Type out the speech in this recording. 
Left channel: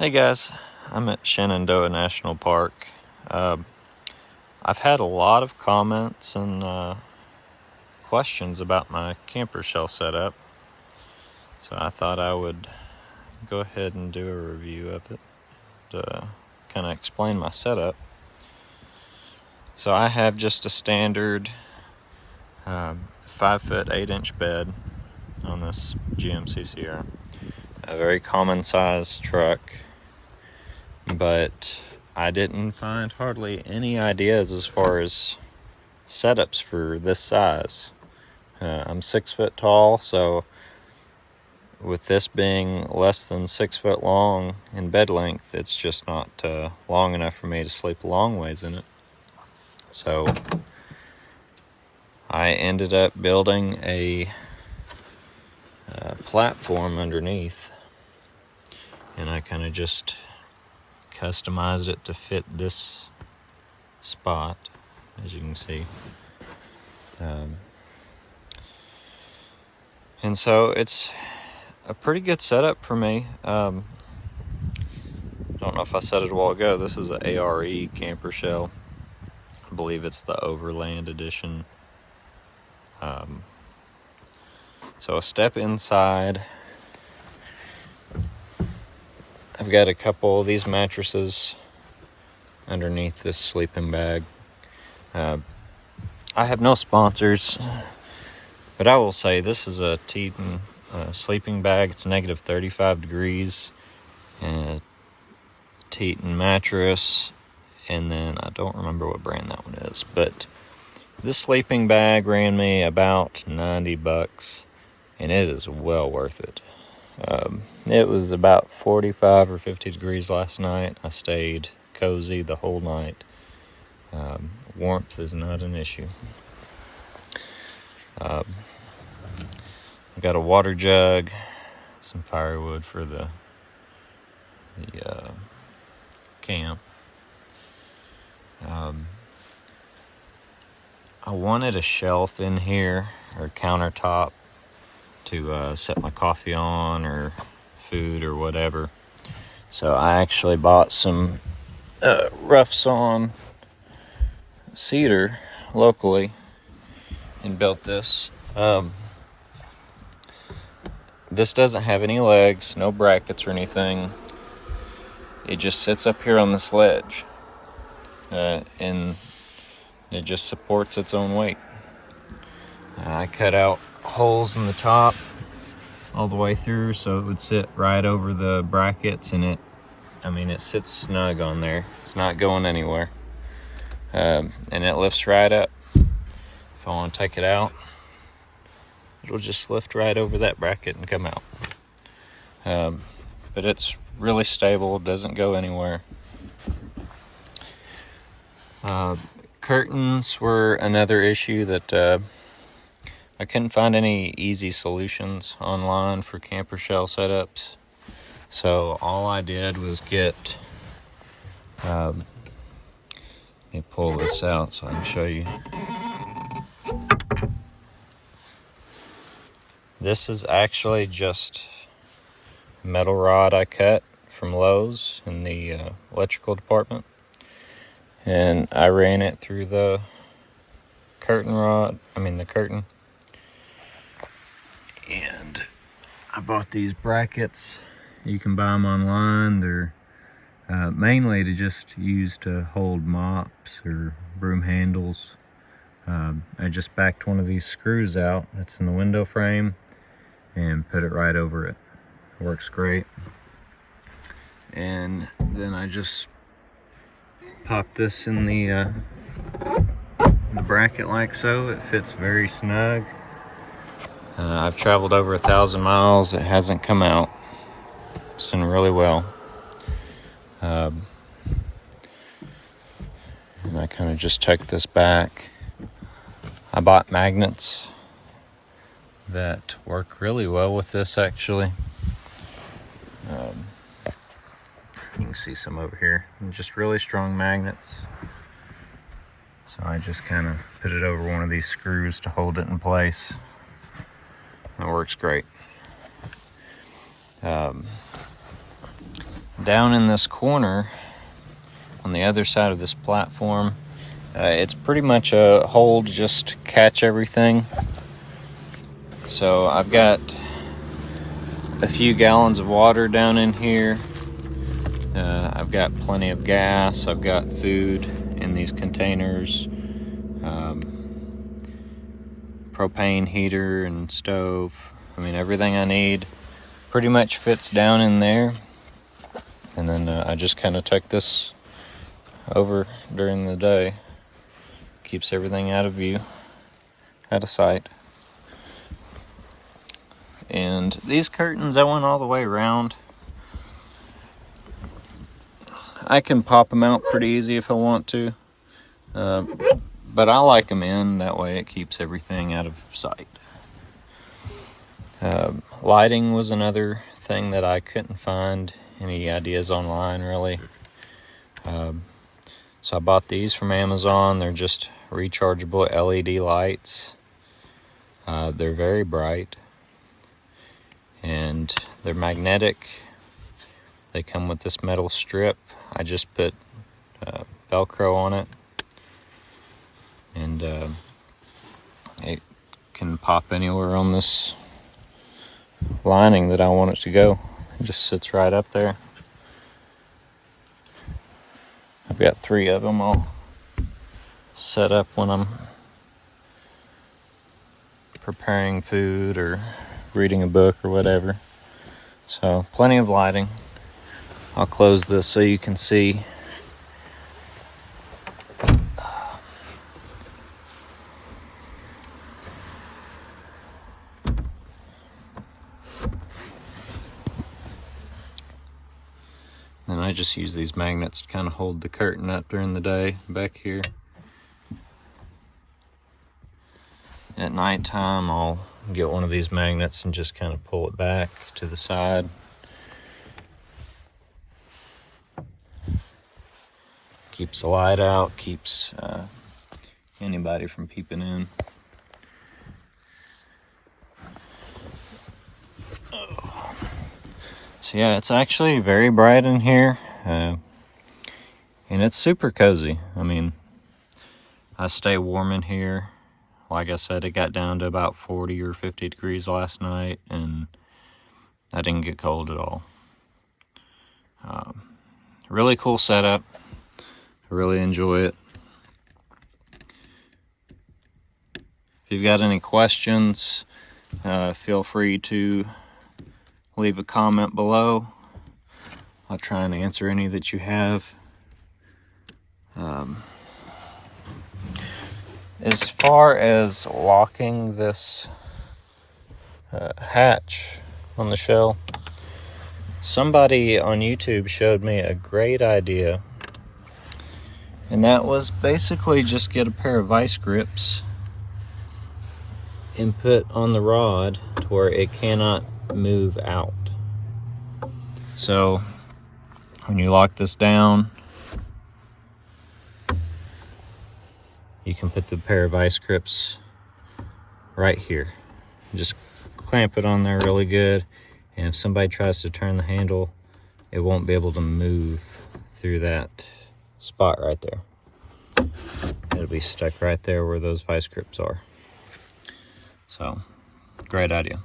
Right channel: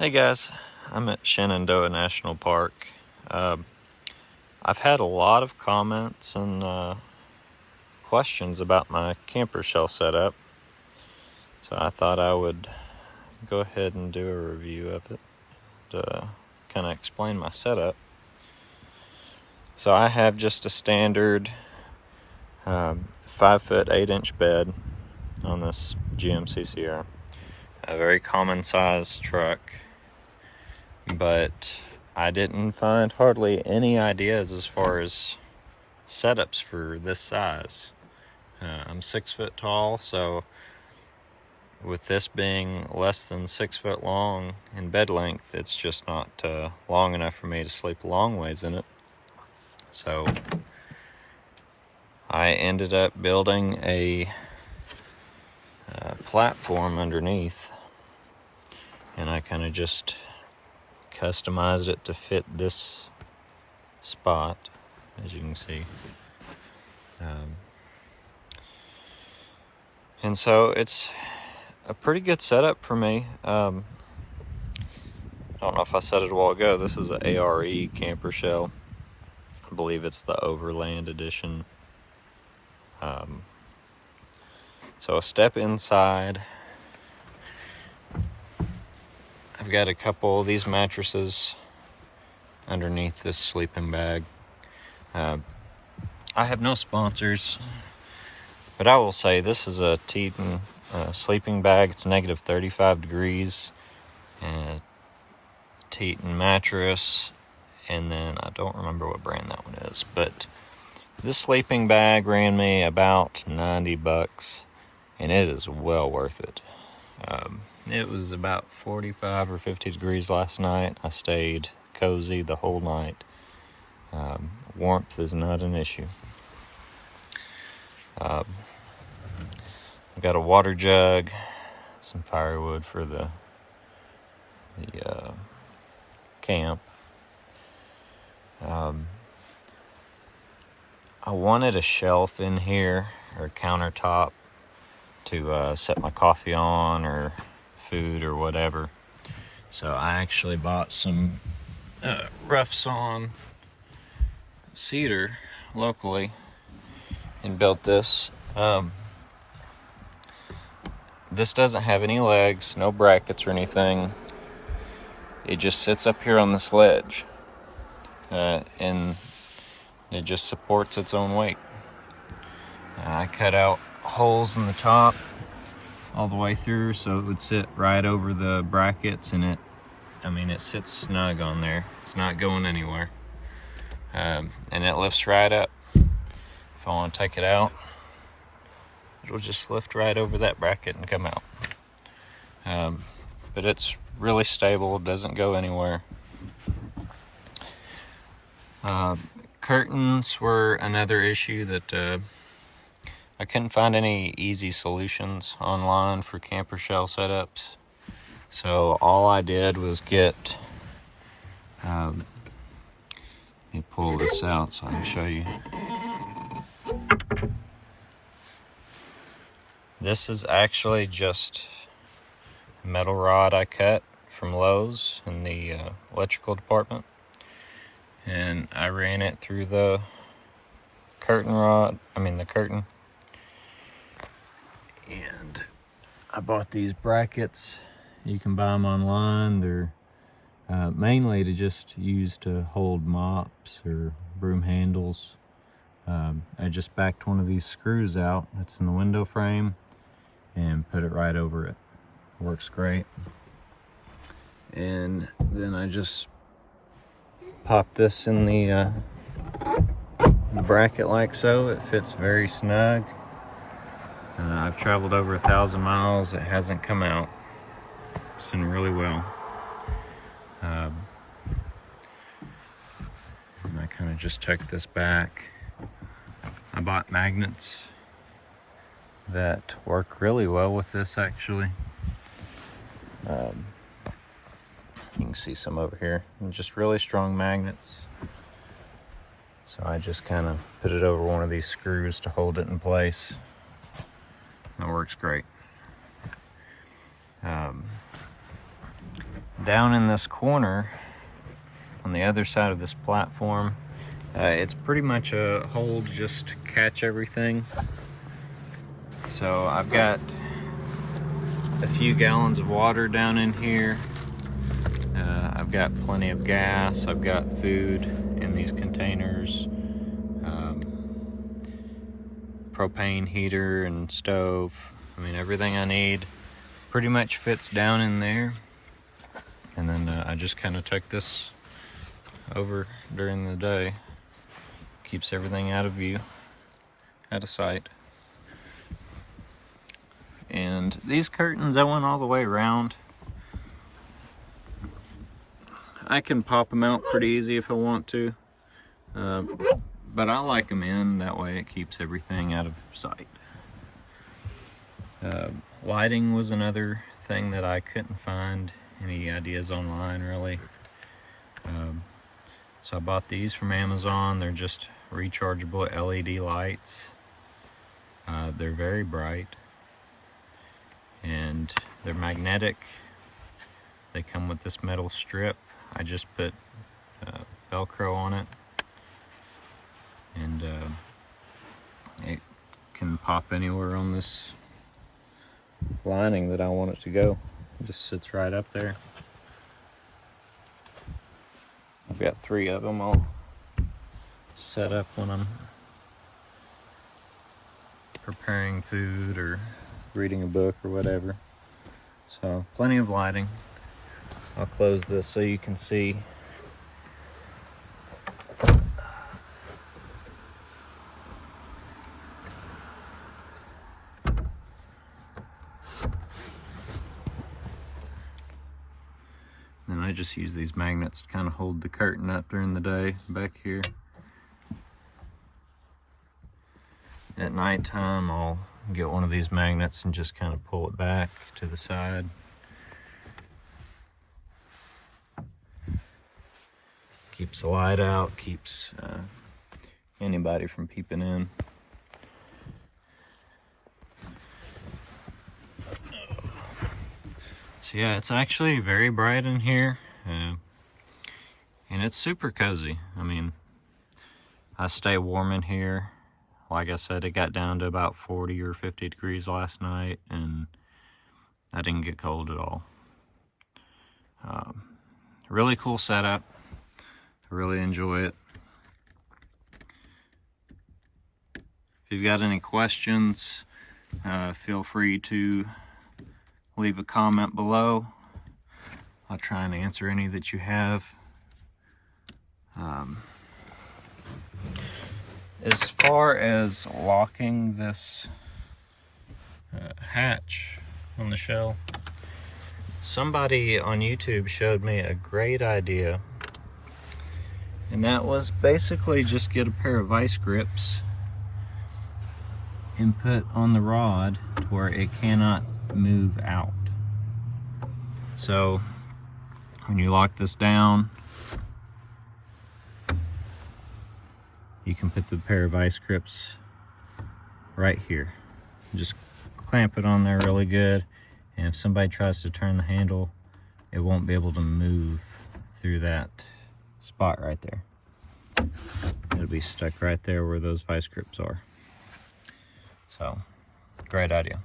Hey guys, I'm at Shenandoah National Park. I've had a lot of comments and questions about my camper shell setup, so I thought I would go ahead and do a review of it to kind of explain my setup. So I have just a standard 5-foot 8-inch bed on this GMC Sierra, a very common size truck. But I didn't find hardly any ideas as far as setups for this size. I'm 6 foot tall, so with this being less than 6 foot long in bed length, it's just not long enough for me to sleep a long ways in it. So I ended up building a platform underneath, and I kind of just customized it to fit this spot, as you can see. And so it's a pretty good setup for me. I don't know if I said it a while ago, this is an ARE camper shell. I believe it's the Overland edition. So a step inside. I've got a couple of these mattresses underneath this sleeping bag. I have no sponsors, but I will say this is a Teton sleeping bag. It's negative 35 degrees. Teton mattress, and then I don't remember what brand that one is, but this sleeping bag ran me about $90, and it is well worth it. It was about 45 or 50 degrees last night. I stayed cozy the whole night. Warmth is not an issue. I got a water jug, some firewood for the camp. I wanted a shelf in here, or countertop, to set my coffee on or food or whatever. So I actually bought some rough sawn cedar locally and built this. This doesn't have any legs, no brackets or anything. It just sits up here on this ledge, and it just supports its own weight. I cut out holes in the top all the way through so it would sit right over the brackets, and it sits snug on there. It's not going anywhere. And it lifts right up. If I want to take it out, it'll just lift right over that bracket and come out. But it's really stable, doesn't go anywhere. Curtains were another issue that I couldn't find any easy solutions online for camper shell setups. So all I did was get, let me pull this out so I can show you. This is actually just a metal rod I cut from Lowe's in the electrical department. And I ran it through the curtain. And I bought these brackets. You can buy them online. They're mainly to just use to hold mops or broom handles. I just backed one of these screws out that's in the window frame and put it right over it. It works great. And then I just pop this in the bracket like so. It fits very snug. I've traveled over 1,000 miles. It hasn't come out. It's done really well. And I kind of just tuck this back. I bought magnets that work really well with this, actually. You can see some over here, and just really strong magnets. So I just kind of put it over one of these screws to hold it in place. It works great. And Down in this corner, on the other side of this platform, it's pretty much a hole to just catch everything. So I've got a few gallons of water down in here. I've got plenty of gas. I've got food in these containers. Propane heater and stove. I mean, everything I need pretty much fits down in there. And then I just kind of tuck this over during the day. Keeps everything out of view, out of sight. And these curtains, I went all the way around. I can pop them out pretty easy if I want to. But I like them in, that way it keeps everything out of sight. Lighting was another thing that I couldn't find any ideas online, really. So I bought these from Amazon. They're just rechargeable LED lights. They're very bright. And they're magnetic. They come with this metal strip. I just put Velcro on it. And it can pop anywhere on this lining that I want it to go. It just sits right up there. I've got 3 of them all set up when I'm preparing food or reading a book or whatever. So plenty of lighting. I'll close this so you can see. Then I just use these magnets to kind of hold the curtain up during the day back here. At nighttime, I'll get one of these magnets and just kind of pull it back to the side. Keeps the light out, keeps anybody from peeping in. So yeah, it's actually very bright in here, and it's super cozy. I mean, I stay warm in here. Like I said, it got down to about 40 or 50 degrees last night, and I didn't get cold at all. Really cool setup. I really enjoy it. If you've got any questions, feel free to leave a comment below. I'll try and answer any that you have. As far as locking this hatch on the shell, somebody on YouTube showed me a great idea, and that was basically just get a pair of vice grips and put on the rod to where it cannot move out. So when you lock this down, you can put the pair of vice grips right here. Just clamp it on there really good, and if somebody tries to turn the handle, it won't be able to move through that spot right there. It'll be stuck right there where those vice grips are. So, great idea.